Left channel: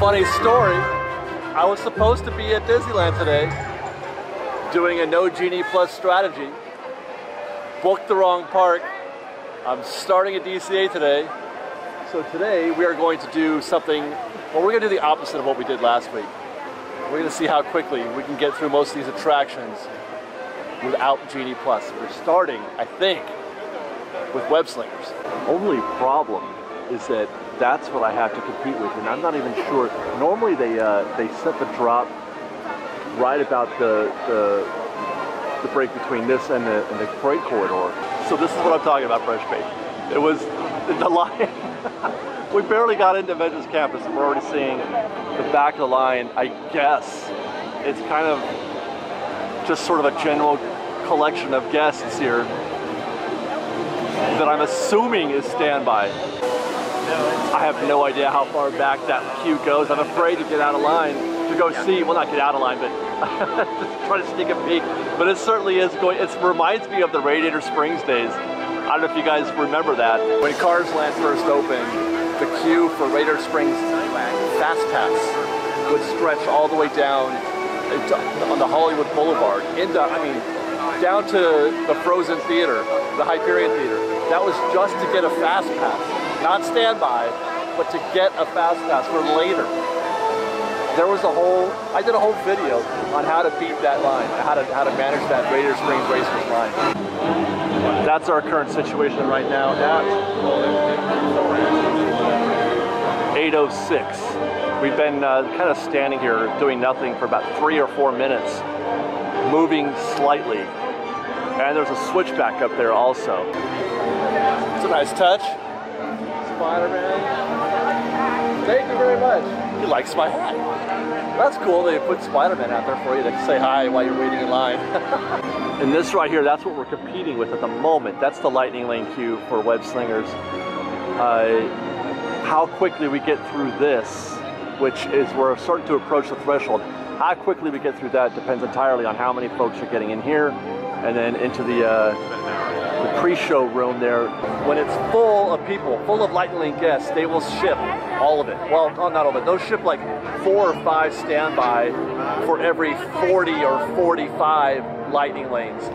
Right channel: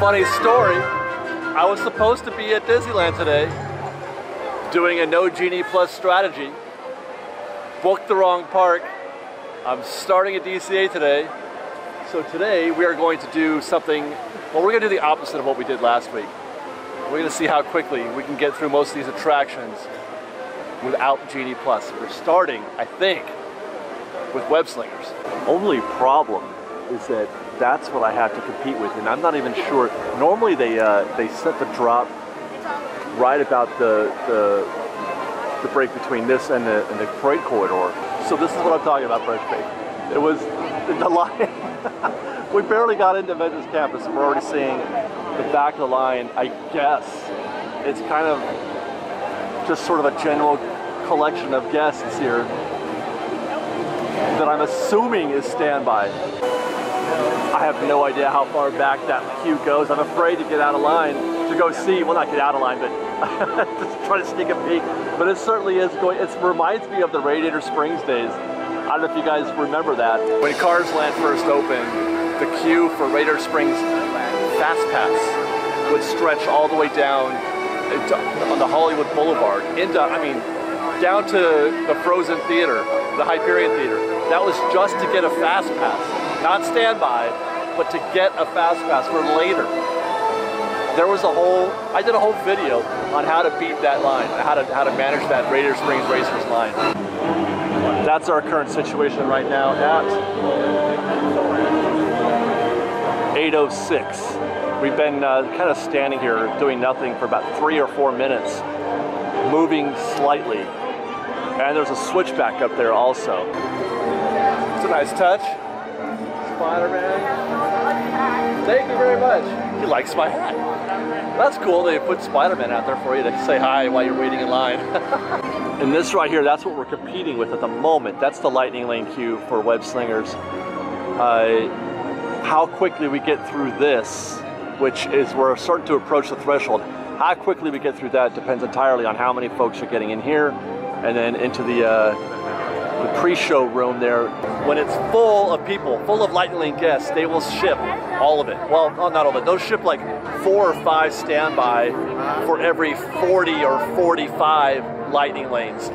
Funny story, I was supposed to be at Disneyland today doing a no Genie Plus strategy. Booked the wrong park. I'm starting at DCA today. So today we are going to do something, well, we're going to do the opposite of what we did last week. We're going to see how quickly we can get through most of these attractions without Genie Plus. We're starting, I think, with Web Slingers. Only problem is that that's what I have to compete with, and I'm not even sure. Normally they set the drop right about the break between this and the freight corridor. So this is what I'm talking about, Fresh Bake. It was the line. We barely got into Avengers Campus and we're already seeing the back of the line. I guess it's kind of just sort of a general collection of guests here that I'm assuming is standby. I have no idea how far back that queue goes. I'm afraid to get out of line to go see, well, not get out of line, but just try to sneak a peek. But it certainly is going, it reminds me of the Radiator Springs days. I don't know if you guys remember that. When Cars Land first opened, the queue for Radiator Springs Fast Pass would stretch all the way down on the Hollywood Boulevard into, I mean, down to the Frozen Theater, the Hyperion Theater. That was just to get a Fast Pass. Not standby, but to get a Fast Pass for later. There was a whole, I did a whole video on how to beat that line, how to manage that Radiator Springs Racers line. That's our current situation right now at 8:06. We've been kind of standing here doing nothing for about 3 or 4 minutes, moving slightly. And there's a switchback up there also. It's a nice touch. Spider-Man. Thank you very much. He likes my hat. That's cool. They put Spider-Man out there for you to say hi while you're waiting in line. And this right here, that's what we're competing with at the moment. That's the Lightning Lane queue for Web Slingers. How quickly we get through this, which is we're starting to approach the threshold. How quickly we get through that depends entirely on how many folks are getting in here and then into the pre-show room there. When it's full of people, full of Lightning Lane guests, they will ship all of it. Well, not all of it. They'll ship like 4 or 5 standby for every 40 or 45 Lightning Lanes.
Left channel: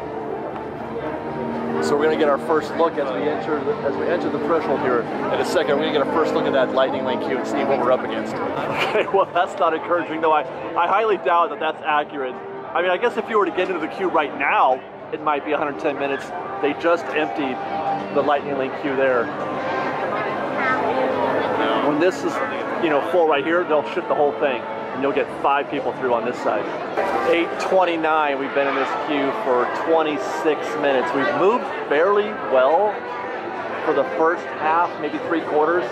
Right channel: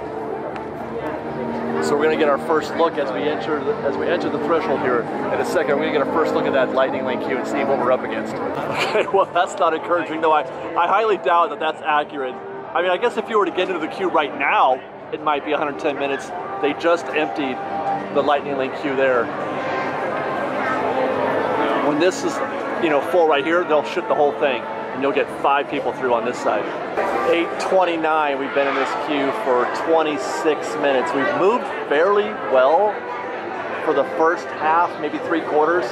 So we're gonna get our first look as we enter the threshold here in a second. We're gonna get our first look at that Lightning Lane queue and see what we're up against. Okay, well that's not encouraging though. I highly doubt that that's accurate. I mean, I guess if you were to get into the queue right now, it might be 110 minutes. They just emptied the Lightning Lane queue there. When this is, you know, full right here, they'll ship the whole thing, and you'll get 5 people through on this side. 8:29, we've been in this queue for 26 minutes. We've moved fairly well for the first half, maybe 3/4.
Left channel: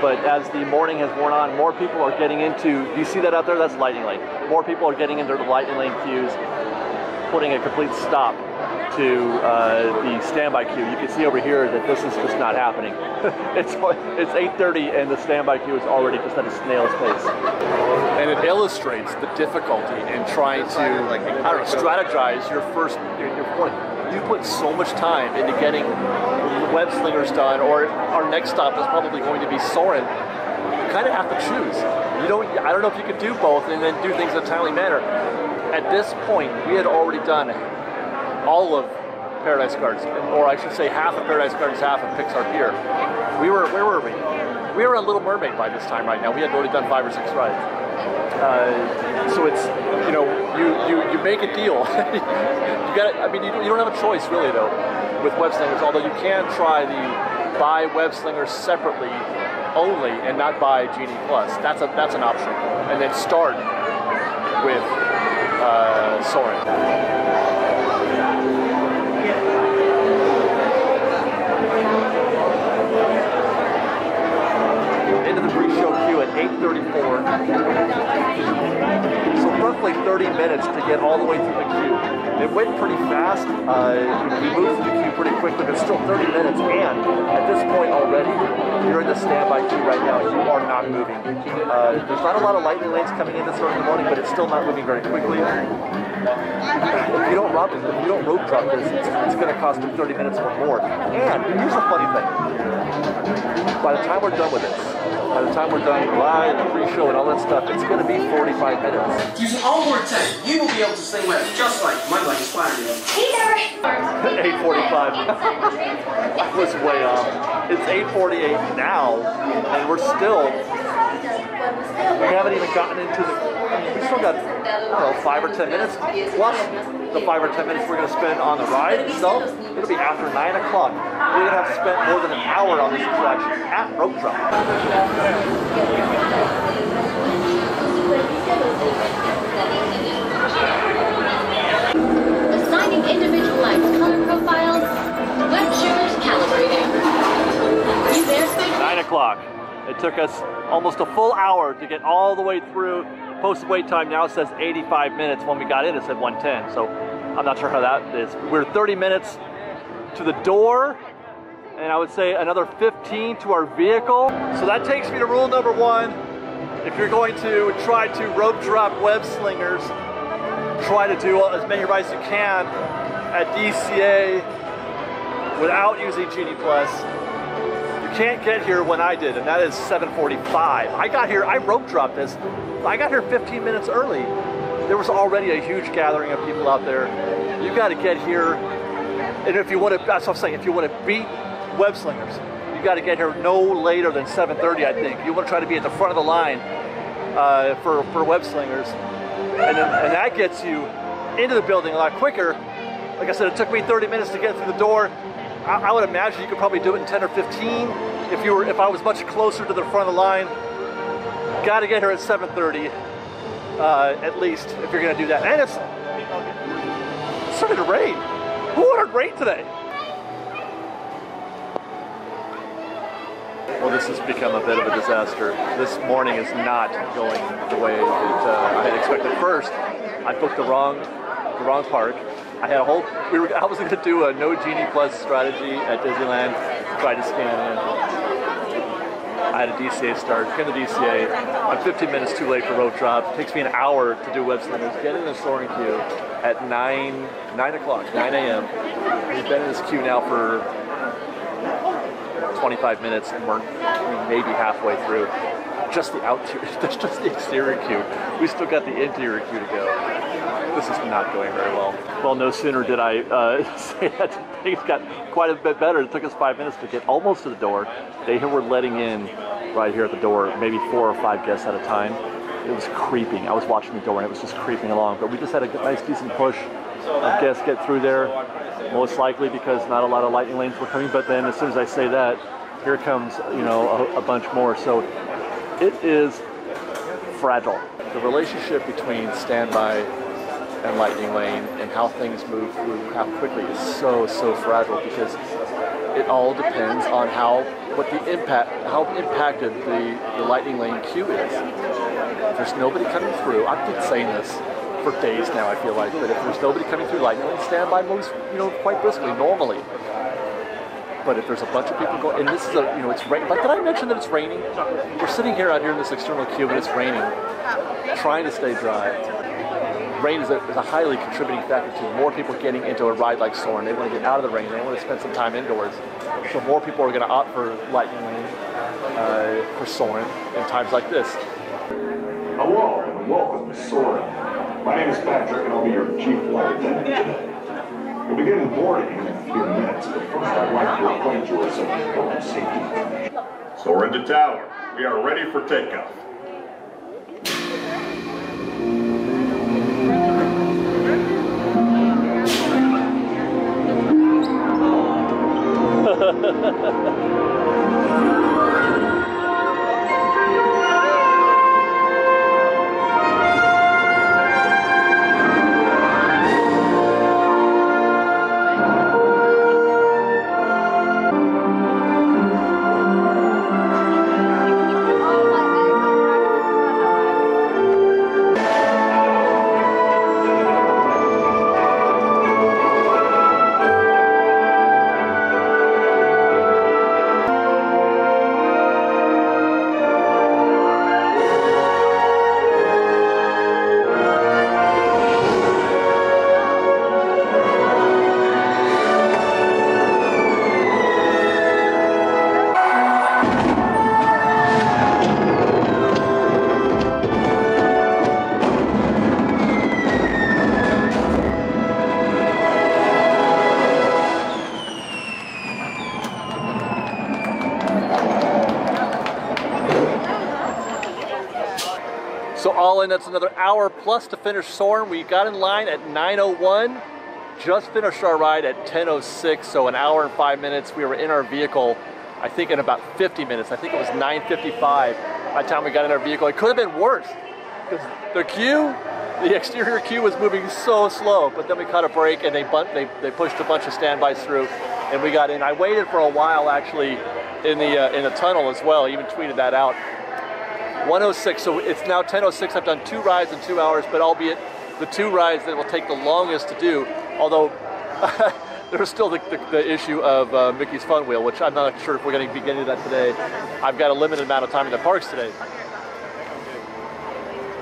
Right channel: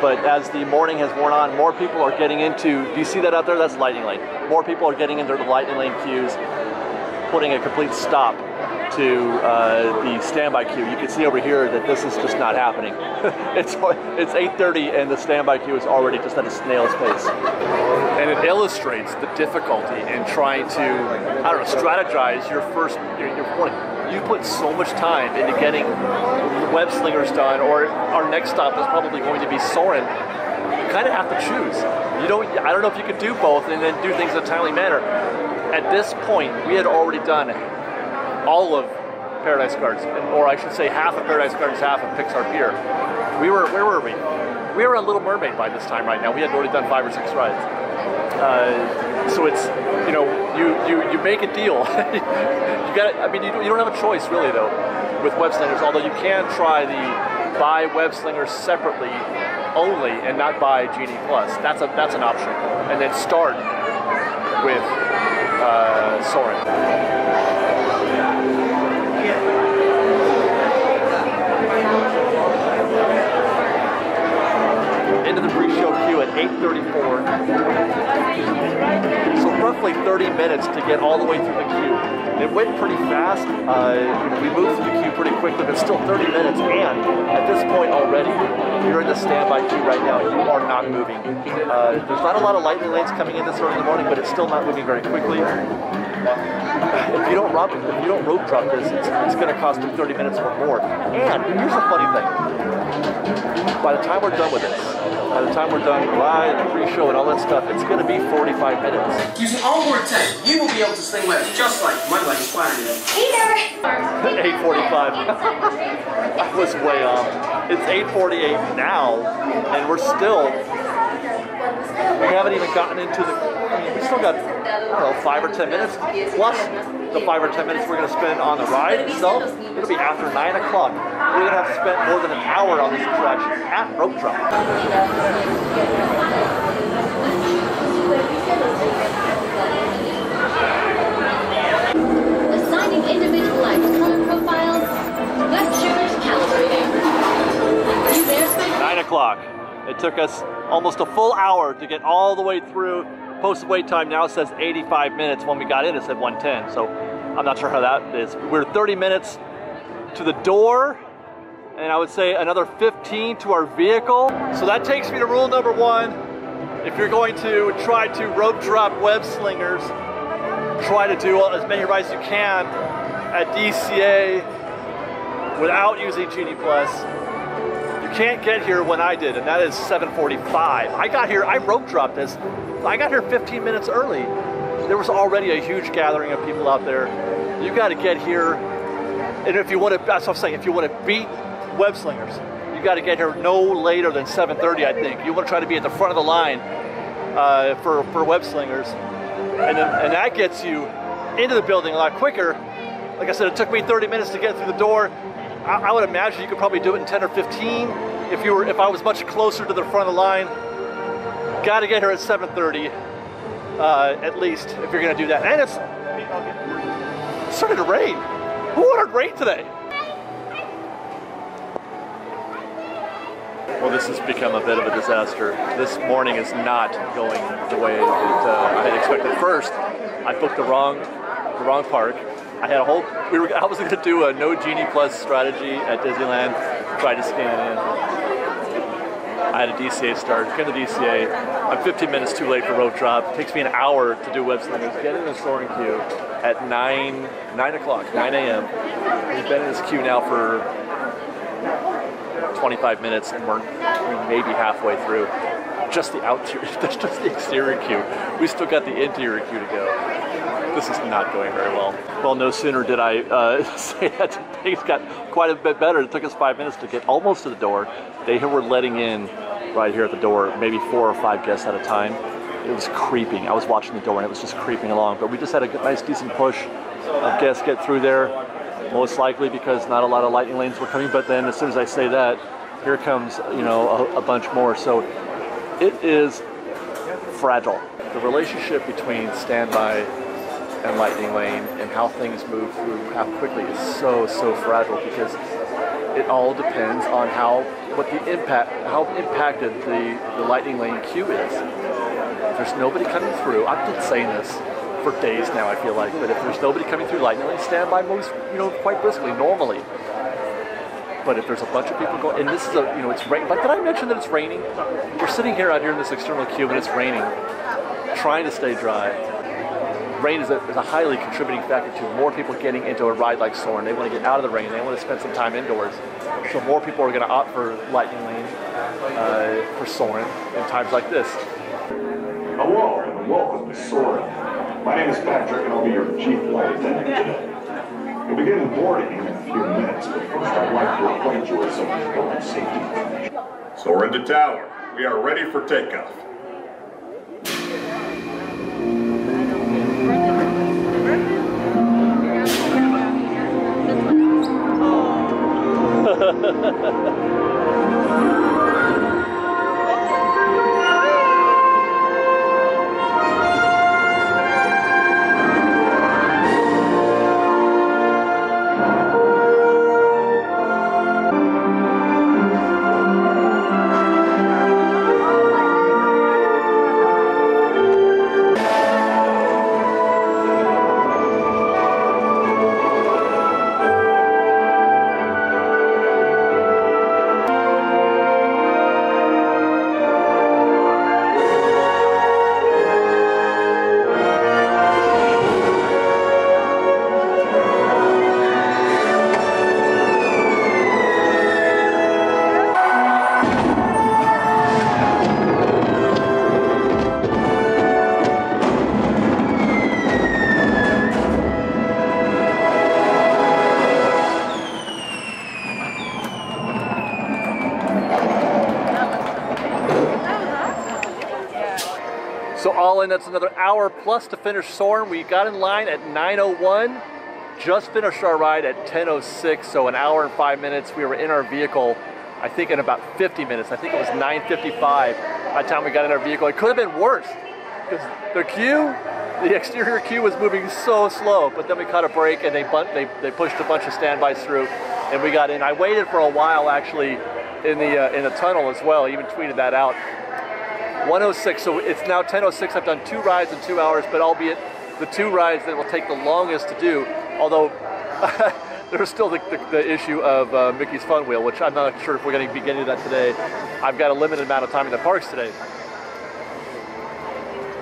But as the morning has worn on, more people are getting into, do you see that out there? That's Lightning Lane. More people are getting into the Lightning Lane queues, putting a complete stop to the standby queue. You can see over here that this is just not happening. It's 8:30 and the standby queue is already just at a snail's pace. And it illustrates the difficulty in trying to, I don't know, strategize your point. You put so much time into getting Web Slingers done, or our next stop is probably going to be Soarin. You kind of have to choose. I don't know if you could do both and then do things in a timely manner. At this point, we had already done all of Paradise Gardens, or I should say half of Paradise Gardens, half of Pixar Pier. Where were we? We were on Little Mermaid by this time right now. We had already done 5 or 6 rides. So it's, you know, you make a deal. You got, I mean, you don't have a choice really though with Web Slingers, although you can try the buy Web Slingers separately only and not buy Genie Plus. That's an option. And then start with Soarin. Into the pre-show queue at 8:34. So roughly 30 minutes to get all the way through the queue. It went pretty fast. We moved through the queue pretty quickly, but still 30 minutes. And at this point already, you're in the standby queue right now. You are not moving. There's not a lot of Lightning Lanes coming in this early in the morning, but it's still not moving very quickly. If you don't rope drop this, it's going to cost you 30 minutes or more. And here's the funny thing. By the time we're done with this, by the time we're done with the ride and the pre-show and all that stuff, it's going to be 45 minutes. Using all more time, you will be able to sling webs just like my leg is flattering you. 8:45. I was way off. It's 8:48 now, and we're still. We haven't even gotten into the. I mean, we still got, I don't know, 5 or 10 minutes plus the 5 or 10 minutes we're going to spend on the ride itself. It'll be after 9 o'clock. We're going to have spent more than an hour on this attraction at rope drop. Assigning individualized color profiles, web shooters calibrating. You there, Spike? 9 o'clock. It took us almost a full hour to get all the way through. Posted wait time now says 85 minutes. When we got in, it said 110. So I'm not sure how that is. We're 30 minutes to the door, and I would say another 15 to our vehicle. So that takes me to rule number 1. If you're going to try to rope drop web slingers, try to do as many rides as you can at DCA without using Genie Plus. You can't get here when I did, and that is 7:45. I got here, I rope dropped this. I got here 15 minutes early. There was already a huge gathering of people out there. You got to get here, and if you want to, that's what I'm saying, if you want to beat web slingers, you got to get here no later than 7:30, I think. You want to try to be at the front of the line for web slingers, and that gets you into the building a lot quicker. Like I said, it took me 30 minutes to get through the door. I would imagine you could probably do it in 10 or 15 if I was much closer to the front of the line. Got to get here at 7:30 at least if you're going to do that. And it's started to rain. Who ordered rain today? Well, this has become a bit of a disaster. This morning is not going the way that I had expected. First, I booked the wrong park. I had a whole. I was going to do a no Genie Plus strategy at Disneyland. Tried to scan in. I had a DCA start. Came to DCA. I'm 15 minutes too late for rope drop. It takes me an hour to do web slingers. Get in the Soarin queue at 9 o'clock, 9 a.m. We've been in this queue now for 25 minutes, and we're maybe halfway through. Just the that's just the exterior queue. We still got the interior queue to go. This is not going very well. Well, no sooner did I say that things got quite a bit better. It took us 5 minutes to get almost to the door. They were letting in right here at the door, maybe 4 or 5 guests at a time. It was creeping. I was watching the door and it was just creeping along. But we just had a nice, decent push of guests get through there. Most likely because not a lot of lightning lanes were coming. But then as soon as I say that, here comes, you know, a bunch more. So it is fragile. The relationship between standby and lightning lane and how things move through, how quickly is so fragile, because it all depends on how impacted the lightning lane queue is. If there's nobody coming through, I've been saying this for days now, I feel like, but if there's nobody coming through lightning lane, standby moves, you know, quite briskly normally. But if there's a bunch of people going, and this is a, you know, it's raining. Like, did I mention that it's raining? We're sitting here out here in this external queue and it's raining, trying to stay dry. Rain is a highly contributing factor to more people getting into a ride like Soarin. They want to get out of the rain. They want to spend some time indoors. So more people are going to opt for lightning lane for Soarin in times like this. Hello and welcome to Soarin. My name is Patrick and I'll be your chief flight attendant today. We'll begin boarding in a few minutes, but first I'd like to acquaint you with some important safety information. Soarin to tower. We are ready for takeoff. So all in, that's another hour plus to finish Soarin. We got in line at 9:01, just finished our ride at 10:06, so an hour and 5 minutes. We were in our vehicle, I think in about 50 minutes. I think it was 9:55 by the time we got in our vehicle. It could have been worse, because the exterior queue was moving so slow, but then we caught a break and they pushed a bunch of standbys through and we got in. I waited for a while actually in the tunnel as well, I even tweeted that out. 1:06, so it's now 10:06. I've done 2 rides in 2 hours, but albeit the 2 rides that will take the longest to do, although there's still the issue of Mickey's Fun Wheel, which I'm not sure if we're going to be getting to that today. I've got a limited amount of time in the parks today.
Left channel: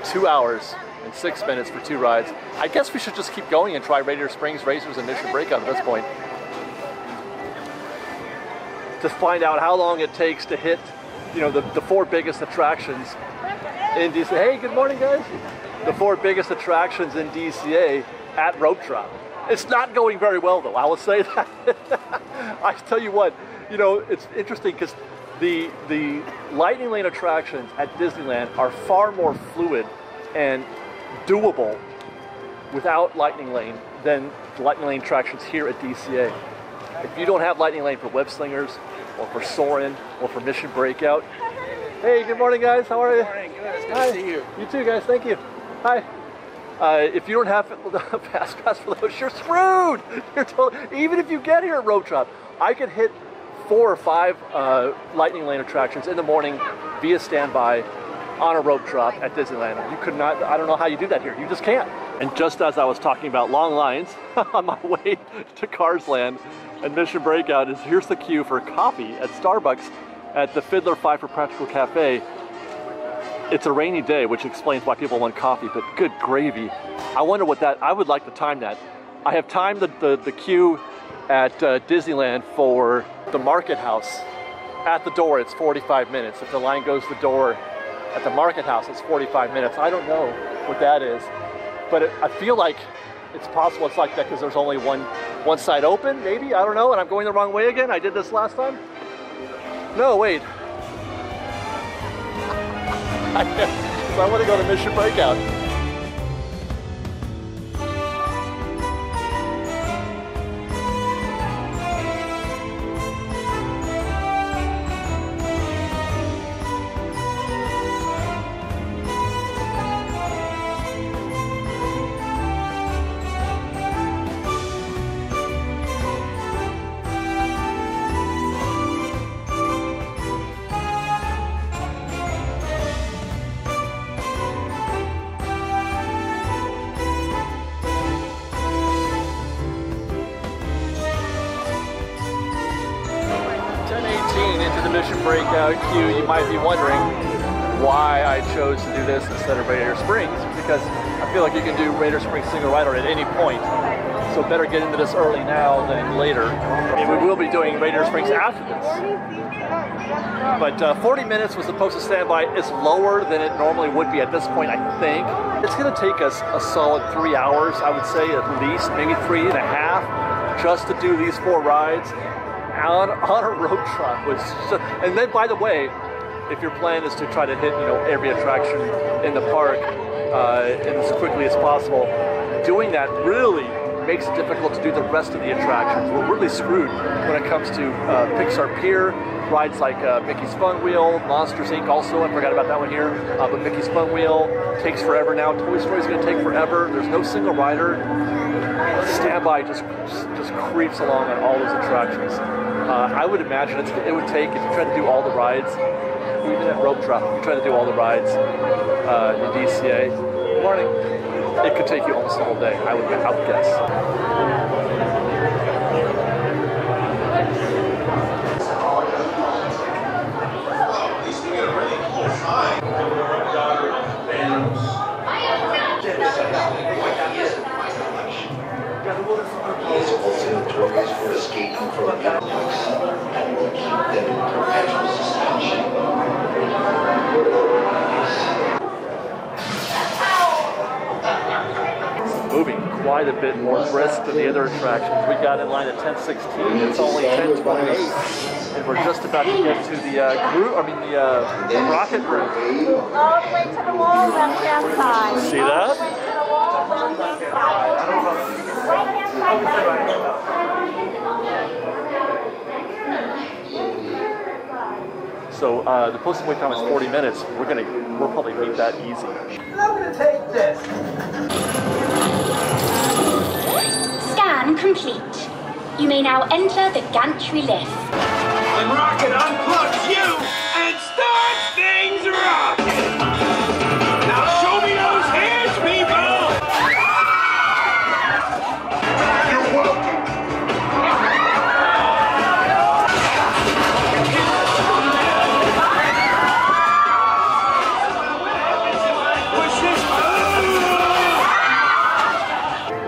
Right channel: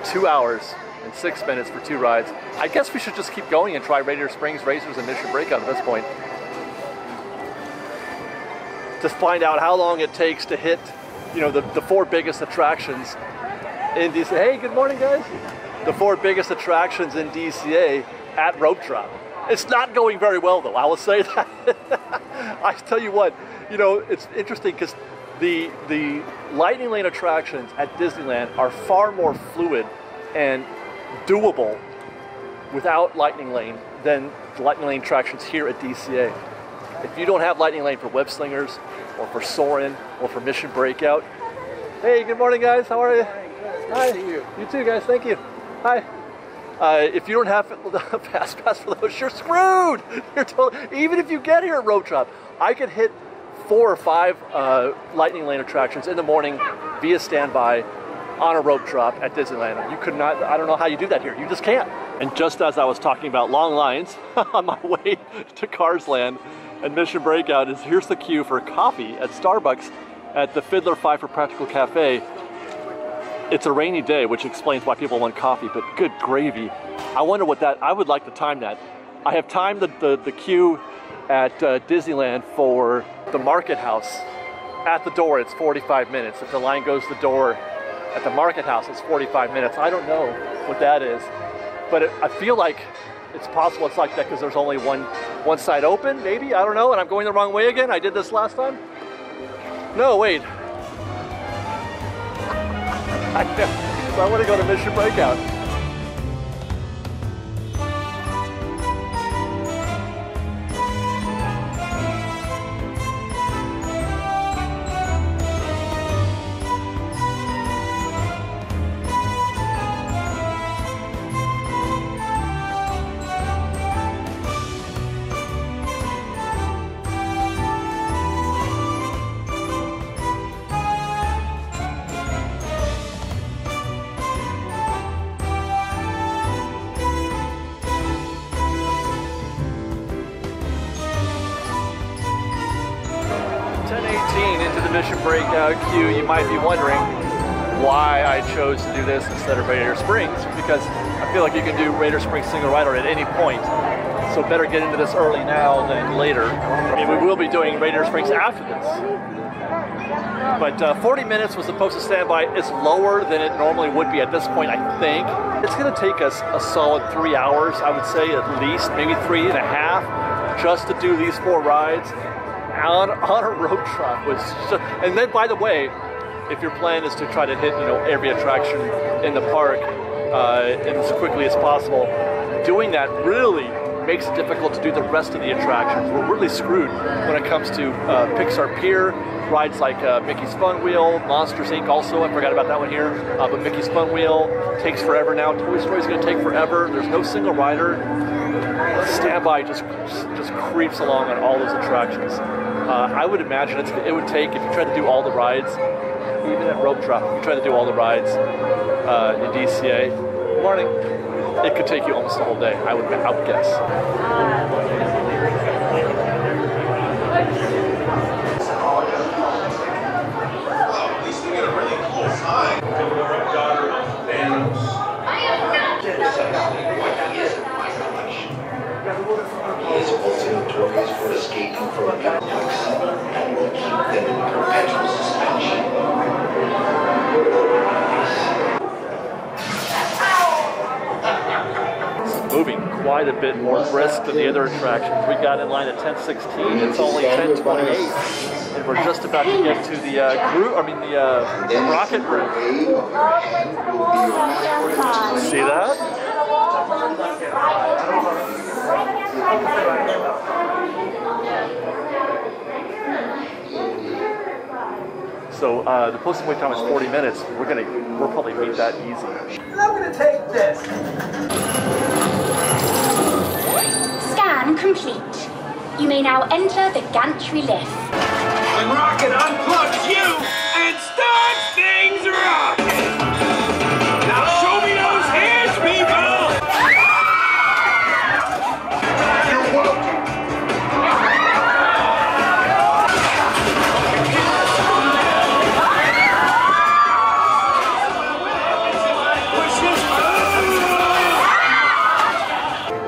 2 hours and 6 minutes for 2 rides. I guess we should just keep going and try Radiator Springs, Racers, and Mission Breakout at this point. To find out how long it takes to hit, you know, the 4 biggest attractions in DCA. Hey, good morning, guys. The 4 biggest attractions in DCA at Rope Drop. It's not going very well, though, I will say that. I tell you what, you know, it's interesting because the Lightning Lane attractions at Disneyland are far more fluid and doable without Lightning Lane than the Lightning Lane attractions here at DCA. If you don't have Lightning Lane for Web Slingers, or for Soarin, or for Mission Breakout. Hey, good morning, guys. How are you? Good morning. Good. It's good Hi. to see you. You too, guys. Thank you. Hi. If you don't have the fast pass for those, you're screwed. You're even if you get here at Rope Drop, I could hit 4 or 5 Lightning Lane attractions in the morning via standby on a Rope Drop at Disneyland. You could not. I don't know how you do that here. You just can't. And just as I was talking about long lines on my way to Cars Land and Mission Breakout, here's the queue for coffee at Starbucks at the Fiddler Five for Practical Cafe. It's a rainy day, which explains why people want coffee, but good gravy. I wonder what that, I would like to time that. I have timed the queue at Disneyland for the Market House. At the door, it's 45 minutes. If the line goes to the door at the Market House, it's 45 minutes. I don't know what that is, but I feel like it's possible it's like that because there's only one side open, maybe, I don't know, and I'm going the wrong way again. I did this last time. No, wait. So I want to go to Mission Breakout. Into the Mission Breakout queue. You might be wondering why I chose to do this instead of Radiator Springs, because I feel like you can do Radiator Springs single rider at any point, so better get into this early now than later. I mean, we will be doing Radiator Springs after this, but 40 minutes was supposed to stand by. It's lower than it normally would be at this point, I think. It's going to take us a solid 3 hours, I would say, at least, maybe 3.5, just to do these 4 rides on a road trip. And then, by the way, if your plan is to try to hit, you know, every attraction in the park and as quickly as possible, doing that really makes it difficult to do the rest of the attractions. We're really screwed when it comes to Pixar Pier, rides like Mickey's Fun Wheel, Monsters Inc. also, I forgot about that one here, but Mickey's Fun Wheel takes forever now. Toy Story's going to take forever. There's no single rider. Standby just creeps along on all those attractions. I would imagine it would take, if you try to do all the rides, even at Rope Drop, if you try to do all the rides in DCA, morning, it could take you almost the whole day, I would guess. At least we get a really cool sign. He is also notorious for escaping from penalties and will keep them in perpetual suspension. Moving quite a bit more brisk than the other attractions. We got in line at 10:16. It's only 10:28, and we're just about to get to the rocket room. All the way to the wall, left-hand side. See that? So the posted wait time is 40 minutes. We'll probably beat that easy. I'm gonna take this. Scan complete. You may now enter the gantry lift. The rocket unplugs you and starts things rocking. Now show me those hands, people. You're welcome.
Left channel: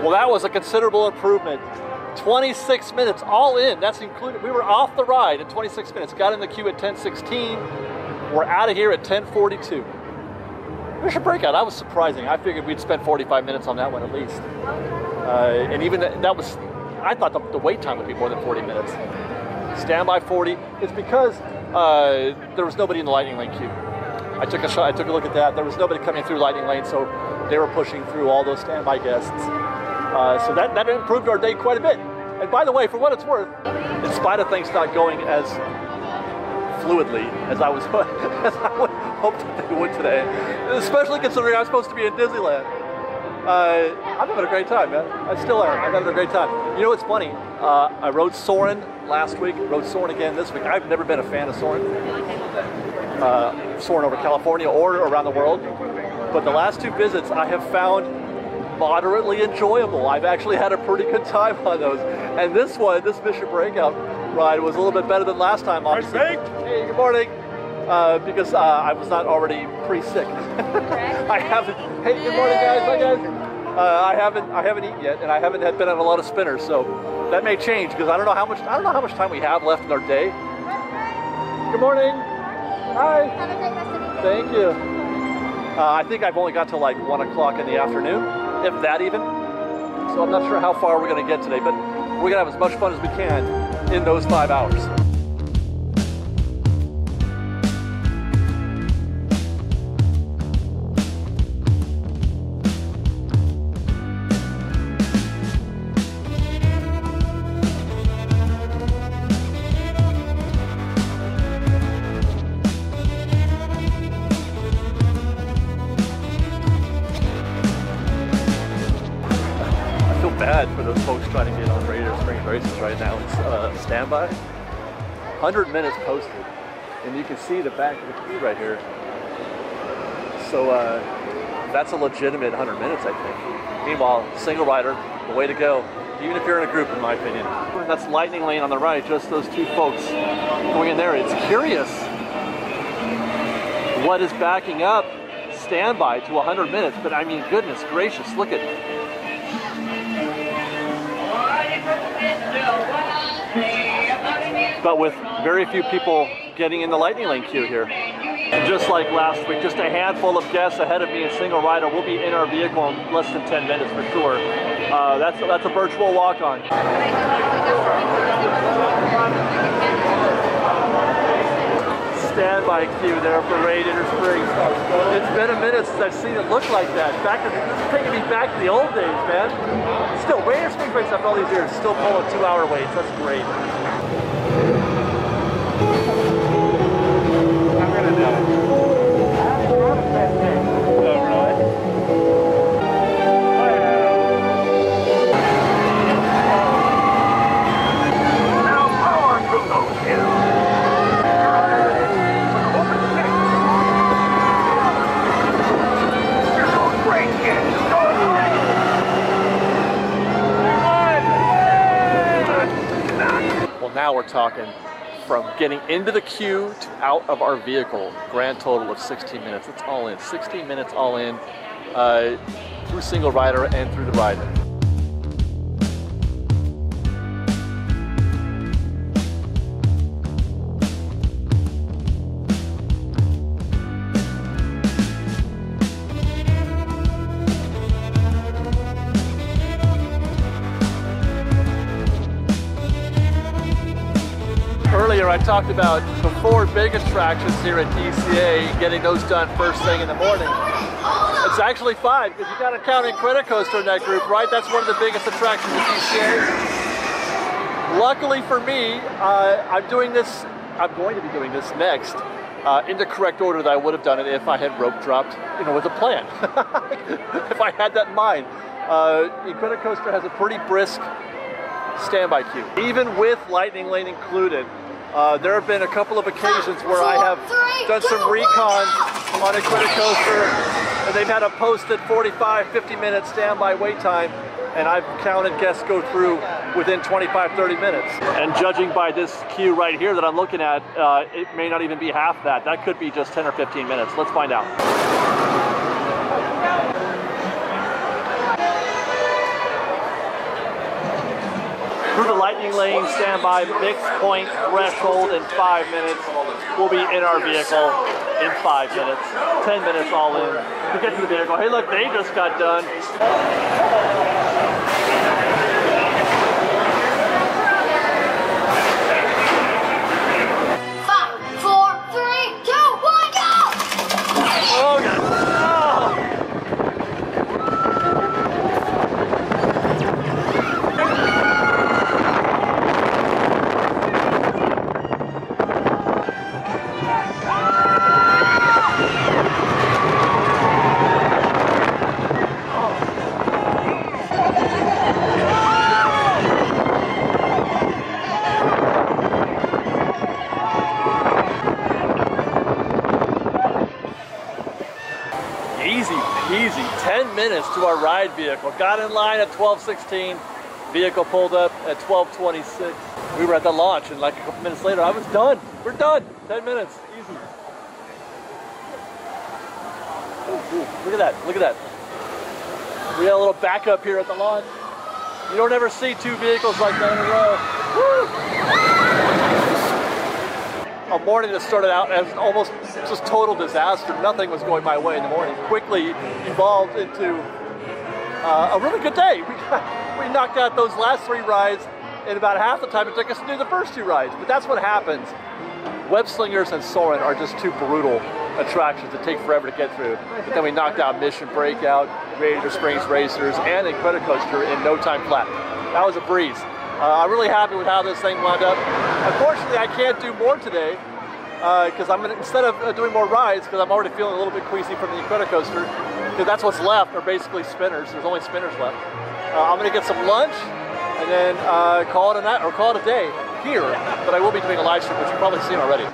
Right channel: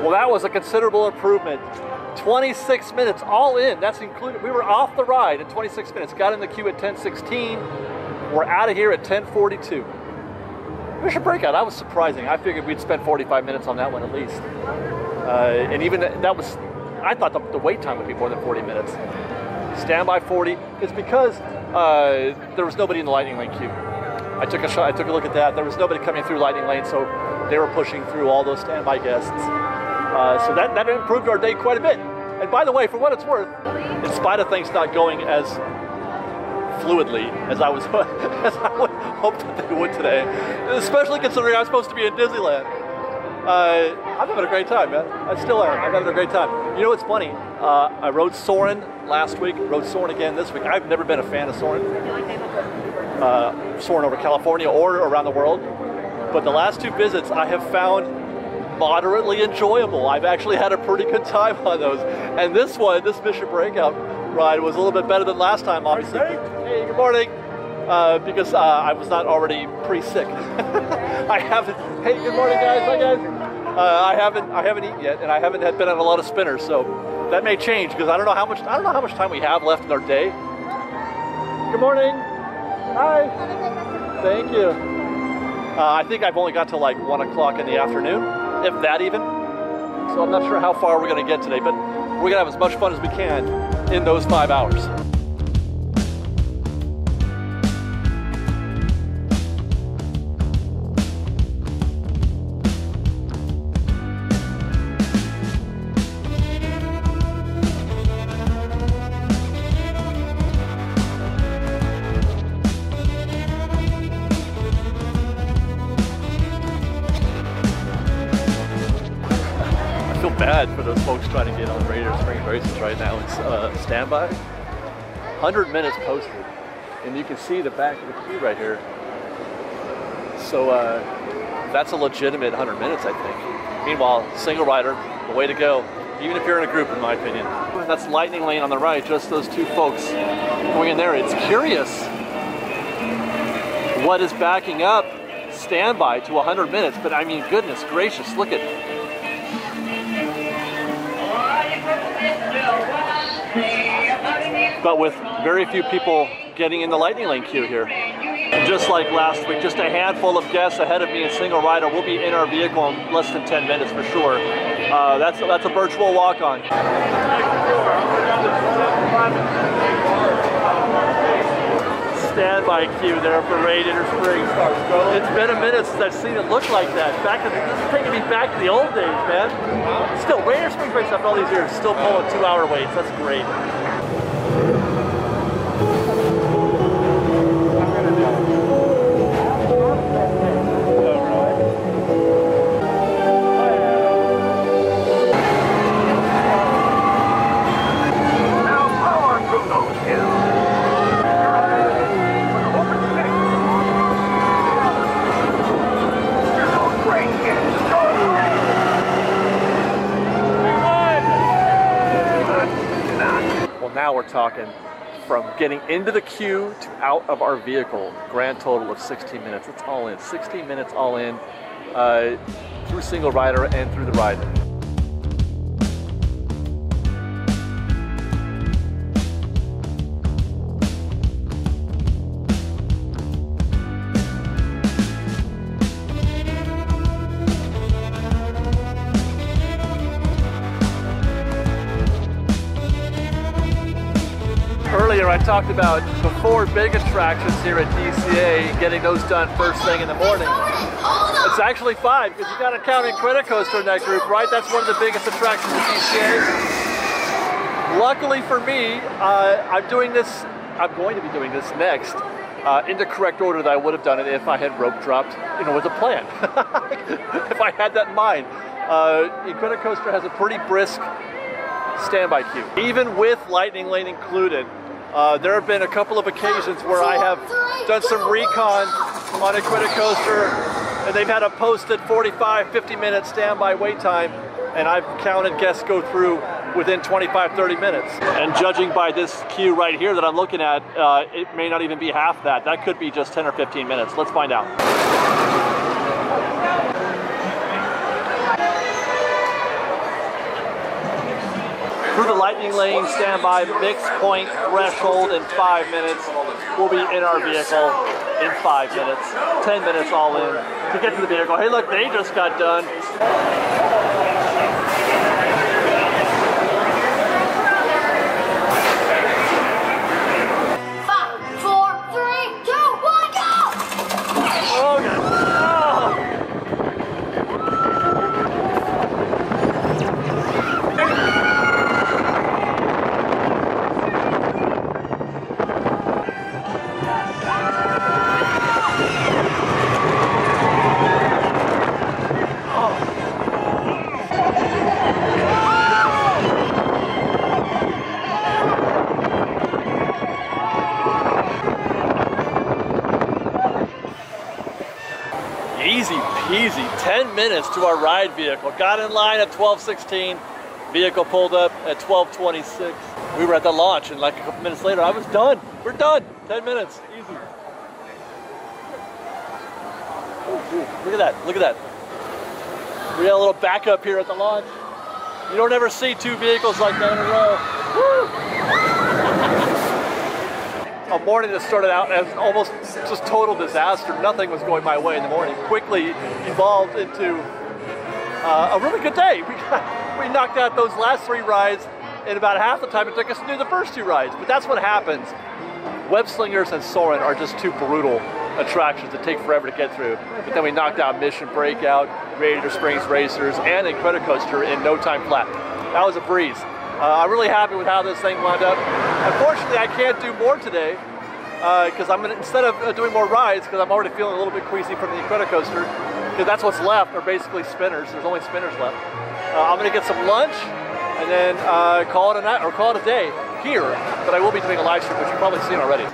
Well, that was a considerable improvement. 26 minutes all in, that's included. We were off the ride in 26 minutes. Got in the queue at 10:16. We're out of here at 10:42. Mission Breakout, that was surprising. I figured we'd spend 45 minutes on that one at least. And even that was, I thought the wait time would be more than 40 minutes. Standby 40, it's because there was nobody in the Lightning Lane queue. I took a look at that. There was nobody coming through Lightning Lane, so they were pushing through all those standby guests. So that improved our day quite a bit. And by the way, for what it's worth, in spite of things not going as fluidly as I would hope that they would today, especially considering I'm supposed to be in Disneyland, I'm having a great time, man. I still am. I'm having a great time. You know what's funny? I rode Soarin last week, rode Soarin again this week. I've never been a fan of Soarin. Soarin over California or around the world. But the last two visits I have found moderately enjoyable. I've actually had a pretty good time on those. And this one, this Mission Breakout ride was a little bit better than last time, obviously. Hey, good morning. Because I was not already pre-sick. I haven't, hey, good morning guys, hi guys. I haven't eaten yet, and I haven't been on a lot of spinners, so that may change because I don't know how much time we have left in our day. Good morning. Hi. Thank you. I think I've only got to like 1 o'clock in the afternoon, if that even. So I'm not sure how far we're going to get today, but we're going to have as much fun as we can in those 5 hours. Bad for those folks trying to get on Raider Springs races right now. It's standby, 100 minutes posted, and you can see the back of the queue right here. So that's a legitimate 100 minutes, I think. Meanwhile, single rider, the way to go, even if you're in a group, in my opinion. That's Lightning Lane on the right, just those two folks going in there. It's curious what is backing up standby to 100 minutes, but I mean, goodness gracious, look at it. But with very few people getting in the Lightning Lane queue here. Just like last week, just a handful of guests ahead of me in single rider. We'll be in our vehicle in less than 10 minutes for sure. That's a virtual walk-on. Standby queue there for Raider Springs. It's been a minute since I've seen it look like that. This is taking me back to the old days, man. Still, Raider Springs race after all these years, still pulling 2-hour waits. That's great. I'm gonna do it. Now power through those hills. You're going great, kid. Just go Well, now we're talking from getting into the queue to out of our vehicle. Grand total of 16 minutes. It's all in. 16 minutes all in through single rider and through the rider. Earlier I talked about the 4 big attractions here at DCA, getting those done first thing in the morning. It's actually 5, because you got to count Incredicoaster in that group, right? That's one of the biggest attractions at DCA. Luckily for me, I'm going to be doing this next in the correct order that I would have done it if I had rope dropped, you know, with a plan. If I had that in mind. Incredicoaster has a pretty brisk standby queue. Even with Lightning Lane included, there have been a couple of occasions where I have done some recon on Incredicoaster, and they've had a posted 45, 50-minute standby wait time, and I've counted guests go through within 25, 30 minutes. And judging by this queue right here that I'm looking at, it may not even be half that. That could be just 10 or 15 minutes. Let's find out. Through the Lightning Lane standby mix point threshold in 5 minutes. We'll be in our vehicle in 5 minutes. 10 minutes all in to get to the vehicle. Hey look, they just got done. 5, 4, 3, 2, 1, go! Oh God. Easy peasy, 10 minutes to our ride vehicle. Got in line at 12:16, vehicle pulled up at 12:26. We were at the launch, and like a couple minutes later, I was done. We're done, 10 minutes, easy. Ooh, look at that, look at that. We got a little backup here at the launch. You don't ever see 2 vehicles like that in a row. Woo! A morning that started out as almost just total disaster. Nothing was going my way in the morning. Quickly evolved into a really good day. We knocked out those last 3 rides in about half the time it took us to do the first 2 rides. But that's what happens. Web Slingers and Soarin are just 2 brutal attractions that take forever to get through. But then we knocked out Mission Breakout, Radiator Springs Racers, and Incredicoaster in no time flat. That was a breeze. I'm really happy with how this thing wound up. Unfortunately, I can't do more today because I'm gonna, instead of doing more rides, because I'm already feeling a little bit queasy from the Incredicoaster, because that's what's left are basically spinners. There's only spinners left. I'm gonna get some lunch and then call it a night or call it a day here. But I will be doing a live stream, which you've probably seen already.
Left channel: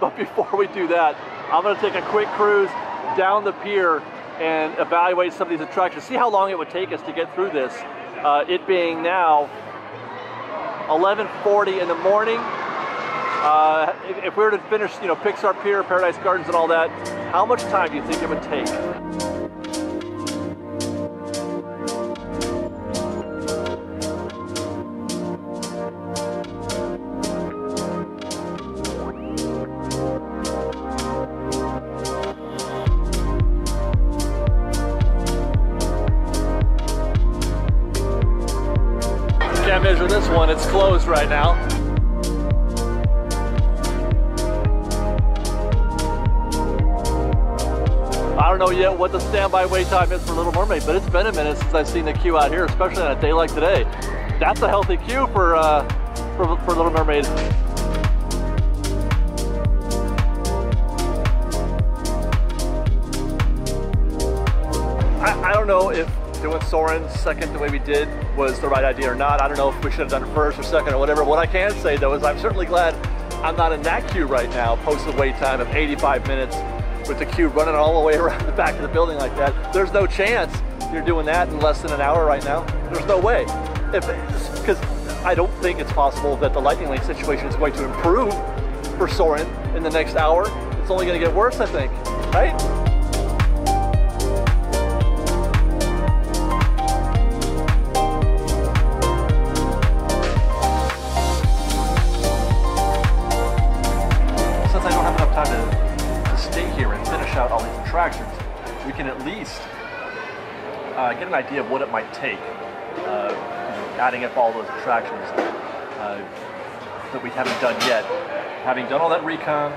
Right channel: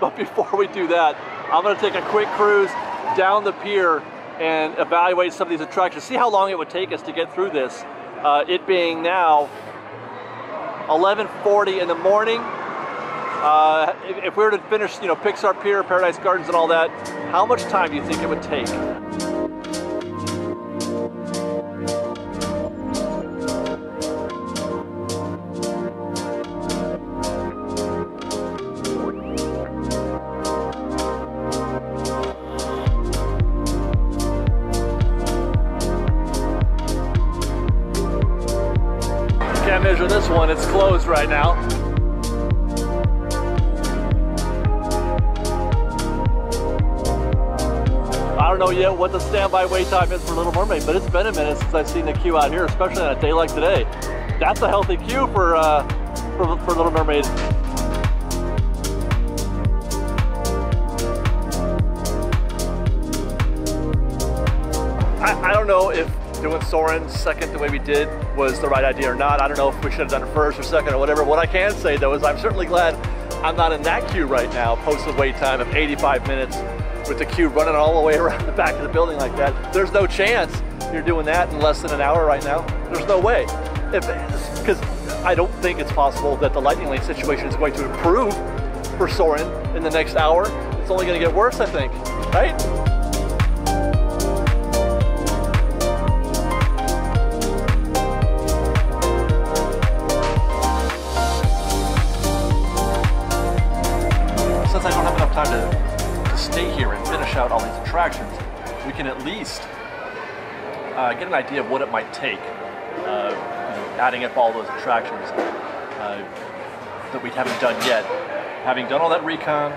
But before we do that, I'm gonna take a quick cruise down the pier and evaluate some of these attractions. See how long it would take us to get through this. It being now 11:40 in the morning. If we were to finish, you know, Pixar Pier, Paradise Gardens and all that, how much time do you think it would take? Can't measure this one, it's closed right now. I don't know yet what the standby wait time is for Little Mermaid, but it's been a minute since I've seen the queue out here, especially on a day like today. That's a healthy queue for Little Mermaid. I don't know if doing Soarin second the way we did was the right idea or not. I don't know if we should have done it first or second or whatever. What I can say though is I'm certainly glad I'm not in that queue right now, posted wait time of 85 minutes with the queue running all the way around the back of the building like that. There's no chance you're doing that in less than an hour right now. There's no way. Because I don't think it's possible that the Lightning Lane situation is going to improve for Soarin in the next hour. It's only going to get worse, I think, right? Since I don't have enough time to stay here and finish out all these attractions, we can at least get an idea of what it might take, adding up all those attractions. that we haven't done yet. Having done all that recon,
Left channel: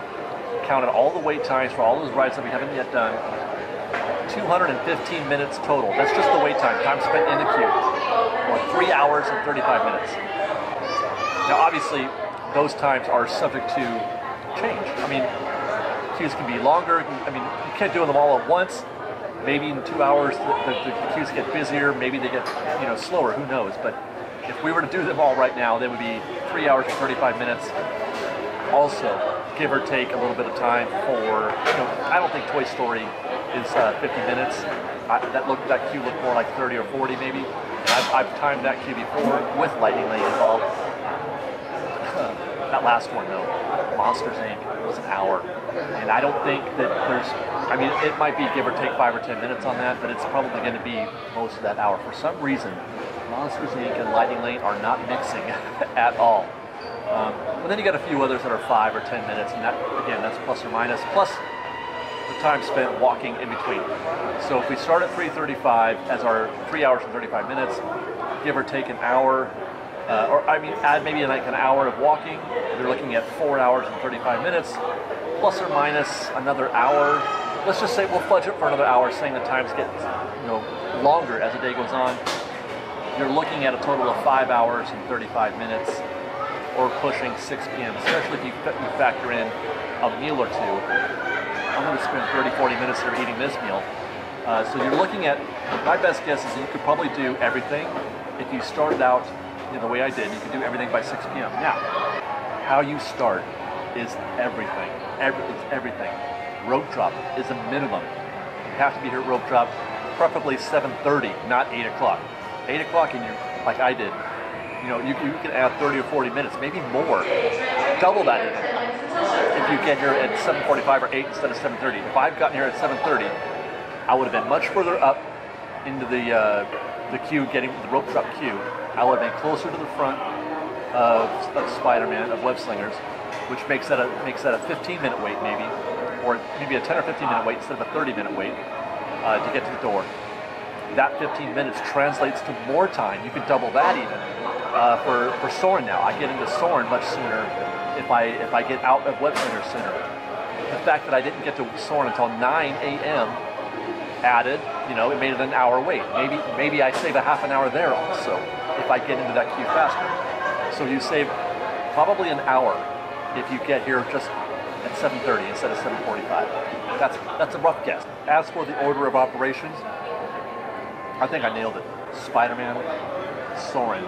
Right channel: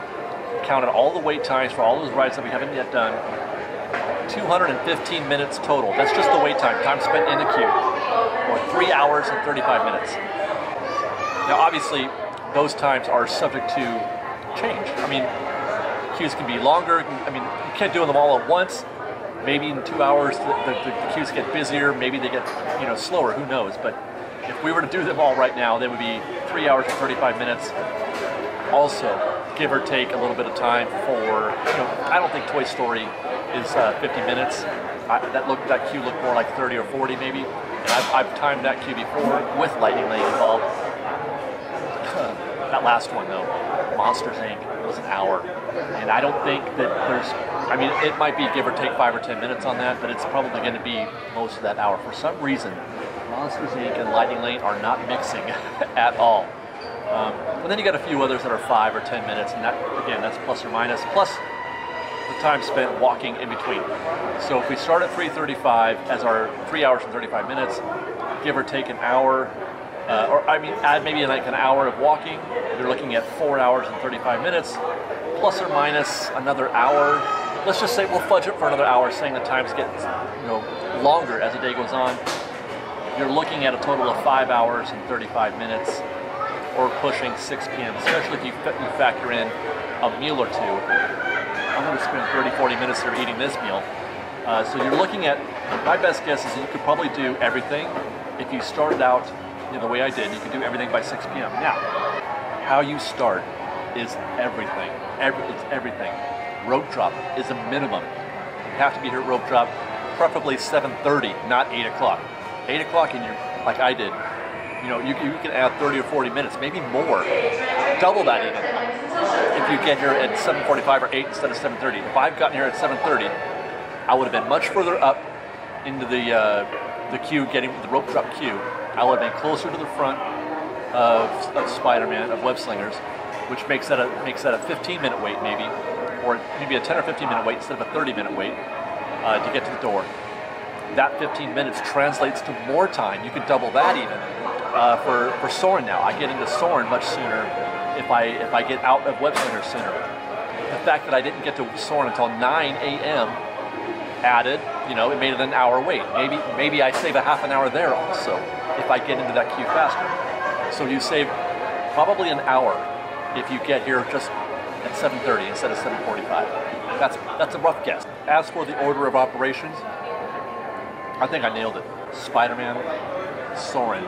counted all the wait times for all those rides that we haven't yet done, 215 minutes total. That's just the wait time spent in the queue, or 3 hours and 35 minutes. Now, obviously, those times are subject to change. I mean, queues can be longer. I mean, you can't do them all at once. Maybe in 2 hours the queues get busier. Maybe they get slower. Who knows? But if we were to do them all right now, they would be 3 hours and 35 minutes. Also, give or take a little bit of time for, I don't think Toy Story is 50 minutes. That queue looked more like 30 or 40 maybe. And I've timed that queue before with Lightning Lane involved. That last one though, Monsters Inc. was an hour. And I don't think that there's, I mean, it might be give or take 5 or 10 minutes on that, but it's probably going to be most of that hour. For some reason, Monsters Inc. and Lightning Lane are not mixing at all. And then you got a few others that are 5 or 10 minutes, and that, again, that's plus or minus, plus the time spent walking in between. So if we start at 3:35 as our 3 hours and 35 minutes, give or take an hour, add maybe like an hour of walking, you're looking at 4 hours and 35 minutes, plus or minus another hour. Let's just say we'll fudge it for another hour, saying the times get longer as the day goes on. You're looking at a total of 5 hours and 35 minutes, or pushing 6 p.m., especially if you factor in a meal or two. I'm going to spend 30, 40 minutes here eating this meal. So you're looking at, my best guess is that you could probably do everything. If you started out the way I did, you could do everything by 6 p.m. Now, how you start is everything. It's everything. Rope drop is a minimum. You have to be here at rope drop, preferably 7:30, not 8 o'clock. 8 o'clock and you're, like I did, you can add 30 or 40 minutes, maybe more. Double that even. If you get here at 7:45 or 8 instead of 7:30. If I've gotten here at 7:30, I would have been much further up into the queue, getting the rope drop queue. I would have been closer to the front of Spider-Man, of Web Slingers, which makes that a 15-minute wait maybe, or maybe a 10 or 15-minute wait instead of a 30-minute wait to get to the door. That 15 minutes translates to more time. You could double that even for Soarin now. I get into Soarin much sooner if I get out of Web Slingers sooner. The fact that I didn't get to Soarin until 9 a.m. added, it made it an hour wait. Maybe I save a half an hour there also if I get into that queue faster. So you save probably an hour if you get here just at 7:30 instead of 7:45. That's a rough guess. As for the order of operations, I think I nailed it. Spider-Man, Soarin,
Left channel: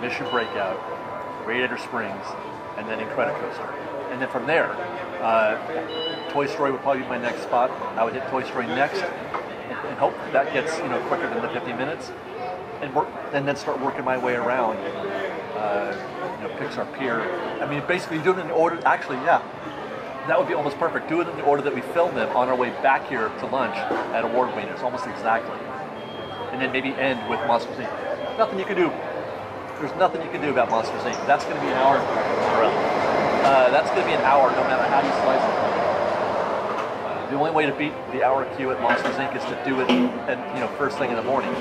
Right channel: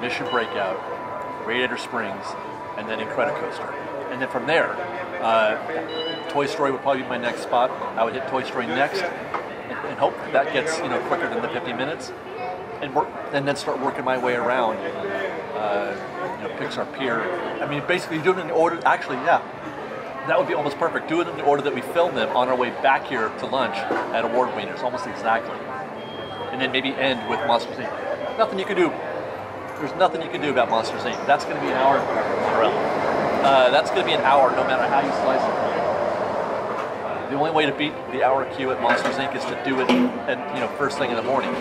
Mission Breakout, Radiator Springs, and then Incredicoaster. And then from there, Toy Story would probably be my next spot. I would hit Toy Story next, and hope that gets quicker than the 50 minutes, and then start working my way around. Pixar Pier. I mean, basically do it in the order. Actually, yeah, that would be almost perfect. Do it in the order that we filmed them on our way back here to lunch at Award Wieners, almost exactly. And then maybe end with Monsters Inc. Nothing you can do. There's nothing you can do about Monsters Inc. That's going to be an hour. That's going to be an hour no matter how you slice it. The only way to beat the hour queue at Monsters Inc. is to do it at first thing in the morning,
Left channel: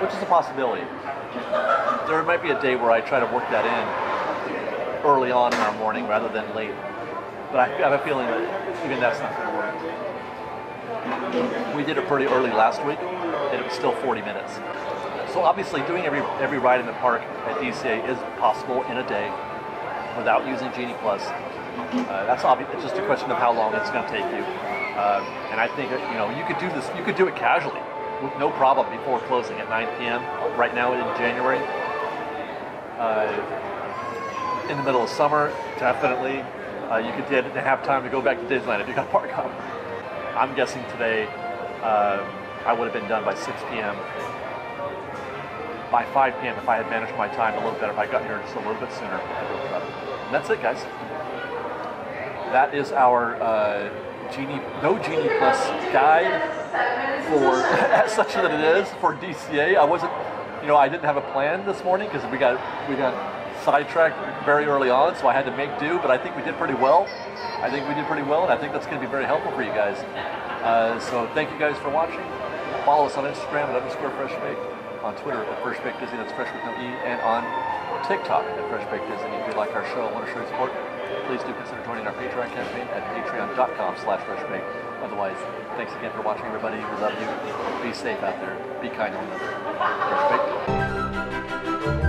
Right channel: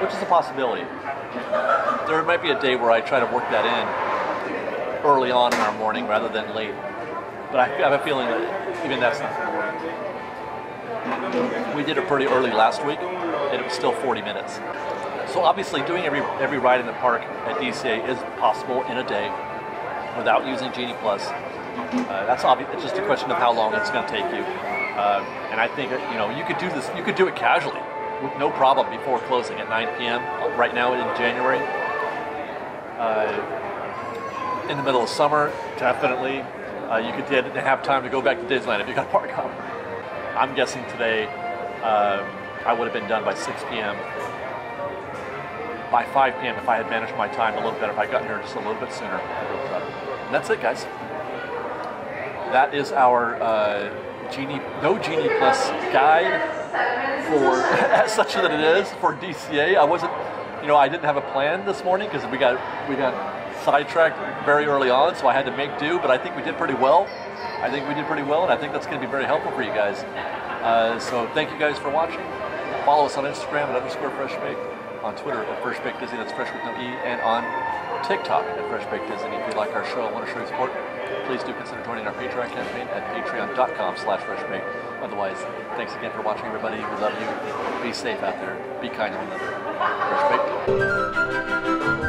which is a possibility. There might be a day where I try to work that in early on in our morning rather than late, but I have a feeling that even that's not going to work. We did it pretty early last week, and it was still 40 minutes. So obviously doing every ride in the park at DCA is possible in a day without using Genie Plus. That's obvious. It's just a question of how long it's going to take you. And I think you could do this. You could do it casually with no problem before closing at 9 p.m. right now in January. In the middle of summer, definitely. You could have time to go back to Disneyland if you got a park hop. I'm guessing today I would have been done by 6 p.m. By 5 p.m. if I had managed my time a little better, if I got here just a little bit sooner. And that's it, guys. That is our no Genie Plus guide for, as such that it is, for DCA. I wasn't, I didn't have a plan this morning because we got sidetracked very early on, so I had to make do, but I think we did pretty well. And I think that's going to be very helpful for you guys. So thank you guys for watching. Follow us on Instagram at _FreshBake. on Twitter at Fresh Baked Disney, that's Fresh with no E, and on TikTok at Fresh Baked Disney. If you like our show and want to show your support, please do consider joining our Patreon campaign at patreon.com/freshbaked. Otherwise, thanks again for watching, everybody. We love you. Be safe out there. Be kind to one another. Fresh Baked.